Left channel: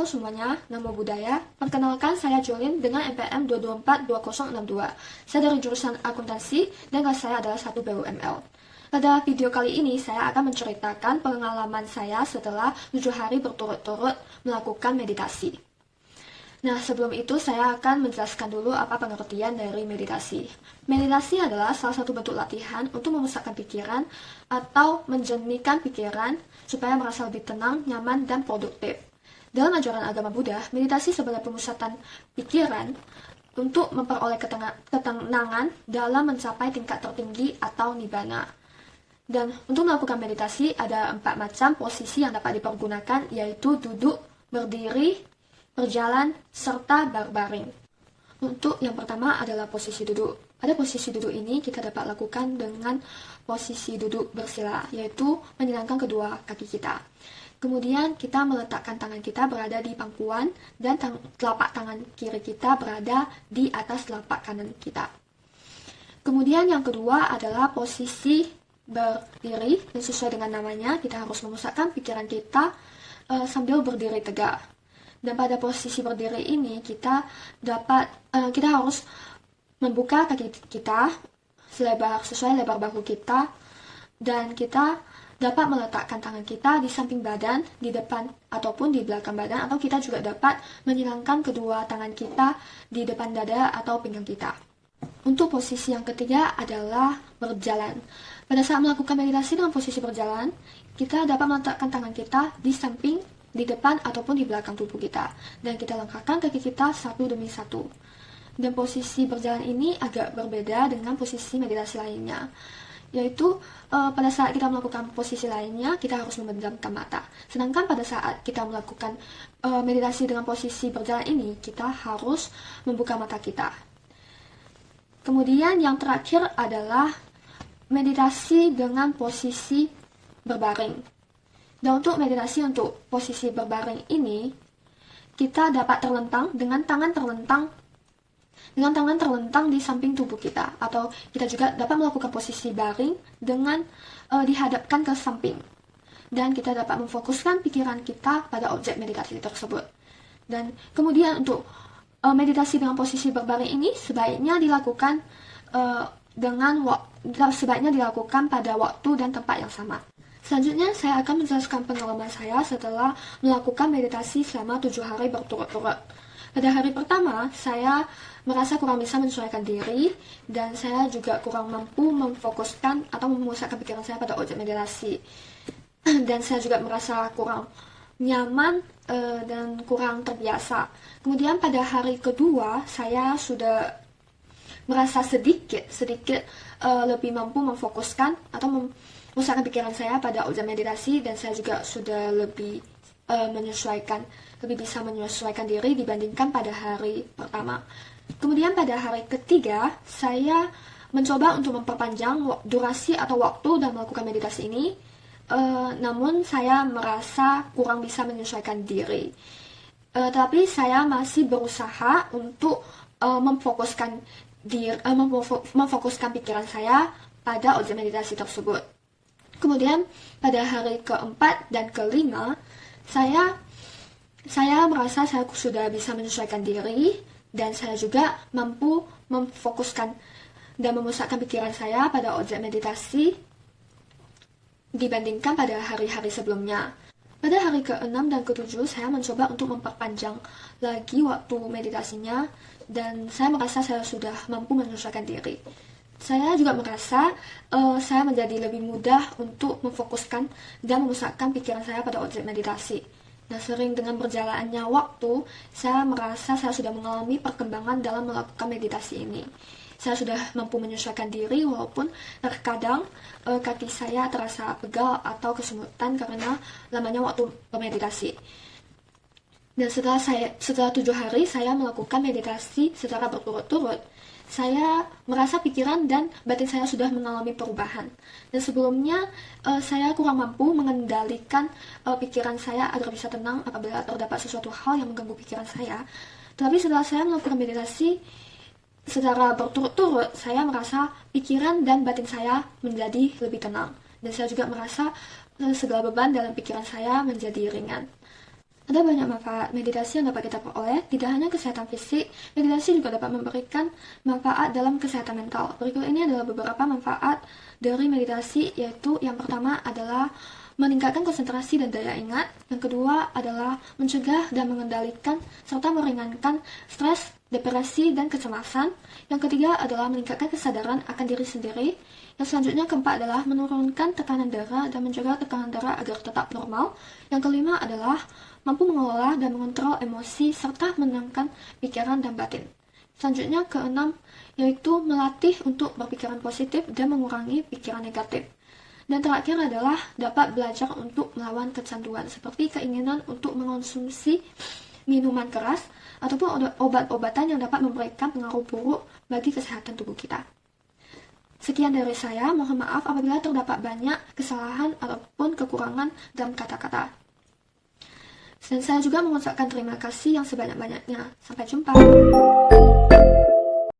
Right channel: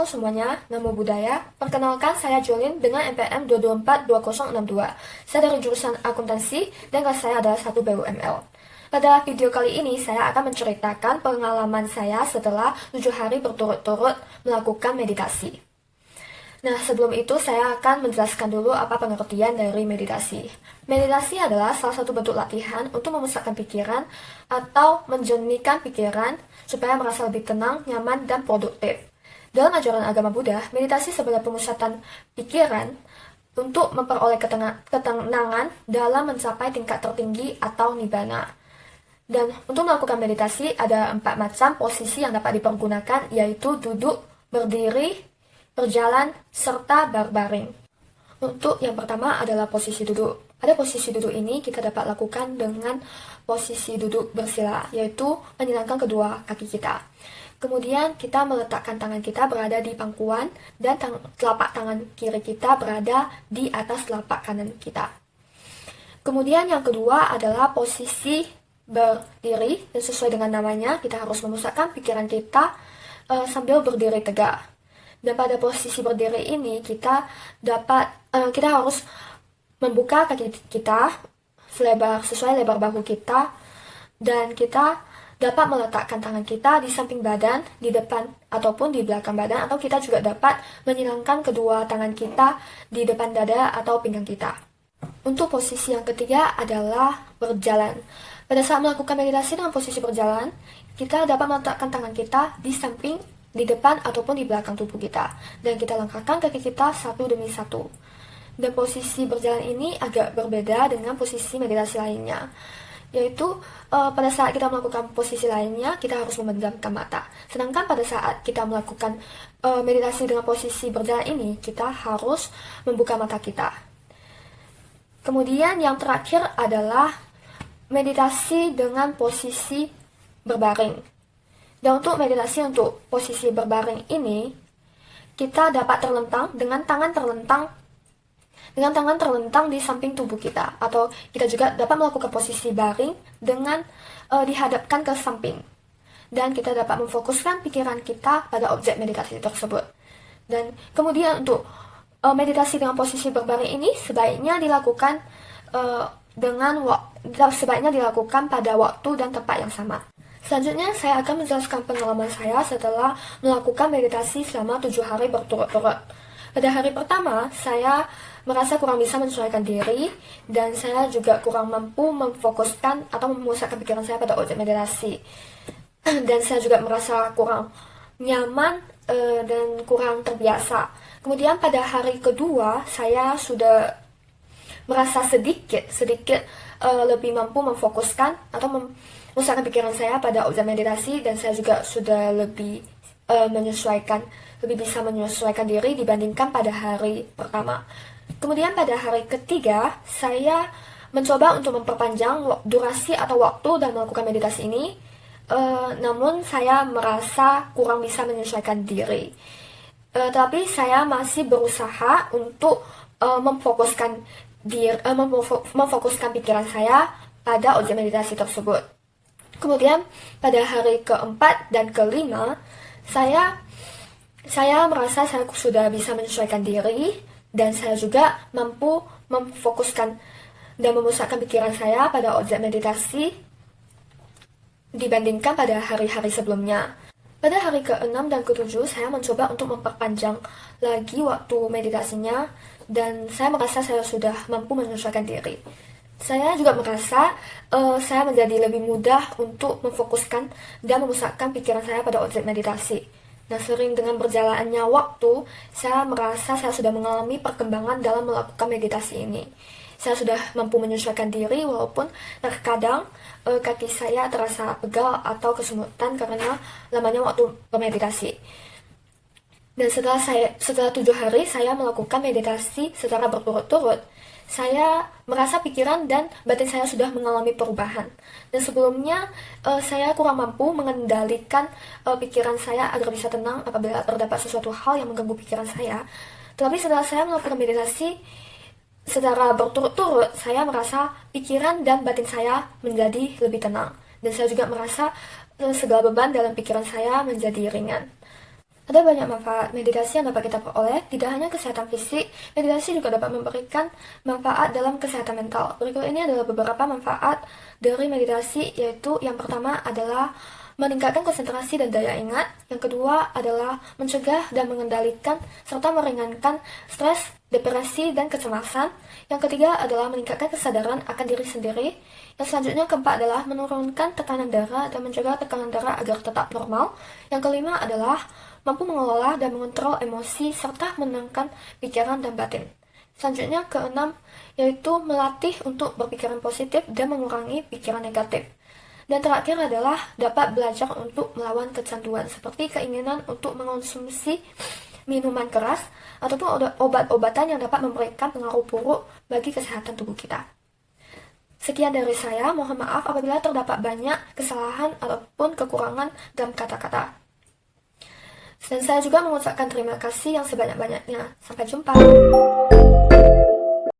Halo semuanya, Namo Buddhaya. Perkenalkan, saya Jolin dengan NPM 2242062. Saya dari jurusan akuntansi dan kelas saya adalah 1 BUML. Pada video kali ini, saya akan menceritakan pengalaman saya setelah 7 hari berturut-turut melakukan meditasi. Nah, sebelum itu saya akan menjelaskan dulu apa pengertian dari meditasi. Meditasi adalah salah satu bentuk latihan untuk memusatkan pikiran atau menjernihkan pikiran supaya merasa lebih tenang, nyaman, dan produktif. Dalam ajaran agama Buddha, meditasi sebagai pemusatan pikiran untuk memperoleh ketenangan dalam mencapai tingkat tertinggi atau nibbana. Dan untuk melakukan meditasi ada 4 macam posisi yang dapat dipergunakan, yaitu duduk, berdiri, berjalan, serta berbaring. Untuk yang pertama adalah posisi duduk. Pada posisi duduk ini kita dapat lakukan dengan posisi duduk bersila, yaitu menyilangkan kedua kaki kita. Kemudian kita meletakkan tangan kita berada di pangkuan dan telapak tangan kiri kita berada di atas telapak kanan kita. Kemudian yang kedua adalah posisi berdiri, dan sesuai dengan namanya kita harus memusatkan pikiran kita sambil berdiri tegak. Dan pada posisi berdiri ini kita harus membuka kaki kita sesuai lebar bahu kita, dan kita dapat meletakkan tangan kita di samping badan, di depan ataupun di belakang badan, atau kita juga dapat menyilangkan kedua tangan kita di depan dada atau pinggang kita. Untuk posisi yang ketiga adalah berjalan. Pada saat melakukan meditasi dengan posisi berjalan, kita dapat meletakkan tangan kita di samping, di depan ataupun di belakang tubuh kita, dan kita langkahkan kaki kita satu demi satu. Dan posisi berjalan ini agak berbeda dengan posisi meditasi lainnya, yaitu pada saat kita melakukan posisi lainnya kita harus memejamkan mata, sedangkan pada saat kita melakukan meditasi dengan posisi berjalan ini kita harus membuka mata kita. Kemudian yang terakhir adalah meditasi dengan posisi berbaring. Dan untuk meditasi untuk posisi berbaring ini kita dapat terlentang dengan tangan terlentang di samping tubuh kita, atau kita juga dapat melakukan posisi baring dengan dihadapkan ke samping, dan kita dapat memfokuskan pikiran kita pada objek meditasi tersebut. Dan kemudian untuk meditasi dengan posisi berbaring ini sebaiknya dilakukan pada waktu dan tempat yang sama. Selanjutnya saya akan menjelaskan pengalaman saya setelah melakukan meditasi selama 7 hari berturut-turut. Pada hari pertama, saya merasa kurang bisa menyesuaikan diri, dan saya juga kurang mampu memfokuskan atau memusatkan pikiran saya pada objek meditasi. Dan saya juga merasa kurang nyaman dan kurang terbiasa. Kemudian pada hari kedua, saya sudah merasa sedikit lebih mampu memfokuskan atau memusatkan pikiran saya pada objek meditasi, dan saya juga sudah lebih bisa menyesuaikan diri dibandingkan pada hari pertama. Kemudian pada hari ketiga, saya mencoba untuk memperpanjang durasi atau waktu dalam melakukan meditasi ini, namun saya merasa kurang bisa menyesuaikan diri. Tapi saya masih berusaha untuk memfokuskan pikiran saya pada objek meditasi tersebut. Kemudian pada hari keempat dan kelima, saya merasa saya sudah bisa menyesuaikan diri, dan saya juga mampu memfokuskan dan memusatkan pikiran saya pada objek meditasi dibandingkan pada hari-hari sebelumnya. Pada hari ke-6 dan ke-7 saya mencoba untuk memperpanjang lagi waktu meditasinya, dan saya merasa saya sudah mampu menyesuaikan diri. Saya juga merasa saya menjadi lebih mudah untuk memfokuskan dan memusatkan pikiran saya pada objek meditasi. Nah, sering dengan berjalannya waktu, saya merasa saya sudah mengalami perkembangan dalam melakukan meditasi ini. Saya sudah mampu menyesuaikan diri, walaupun terkadang kaki saya terasa pegal atau kesemutan karena lamanya waktu bermeditasi. Dan setelah 7 hari saya melakukan meditasi secara berturut-turut, saya merasa pikiran dan batin saya sudah mengalami perubahan. Dan sebelumnya saya kurang mampu mengendalikan pikiran saya agar bisa tenang apabila terdapat sesuatu hal yang mengganggu pikiran saya. Tetapi setelah saya melakukan meditasi secara berturut-turut, saya merasa pikiran dan batin saya menjadi lebih tenang. Dan saya juga merasa segala beban dalam pikiran saya menjadi ringan. Ada banyak manfaat meditasi yang dapat kita peroleh, tidak hanya kesehatan fisik, meditasi juga dapat memberikan manfaat dalam kesehatan mental. Berikut ini adalah beberapa manfaat dari meditasi, yaitu yang pertama adalah meningkatkan konsentrasi dan daya ingat, yang kedua adalah mencegah dan mengendalikan serta meringankan stres, depresi, dan kecemasan, yang ketiga adalah meningkatkan kesadaran akan diri sendiri, yang selanjutnya keempat adalah menurunkan tekanan darah dan menjaga tekanan darah agar tetap normal, yang kelima adalah mampu mengelola dan mengontrol emosi serta menenangkan pikiran dan batin. Selanjutnya keenam, yaitu melatih untuk berpikiran positif dan mengurangi pikiran negatif. Dan terakhir adalah dapat belajar untuk melawan kecanduan, seperti keinginan untuk mengonsumsi minuman keras ataupun obat-obatan yang dapat memberikan pengaruh buruk bagi kesehatan tubuh kita. Sekian dari saya, mohon maaf apabila terdapat banyak kesalahan ataupun kekurangan dalam kata-kata. Dan saya juga mengucapkan terima kasih yang sebanyak-banyaknya. Sampai jumpa.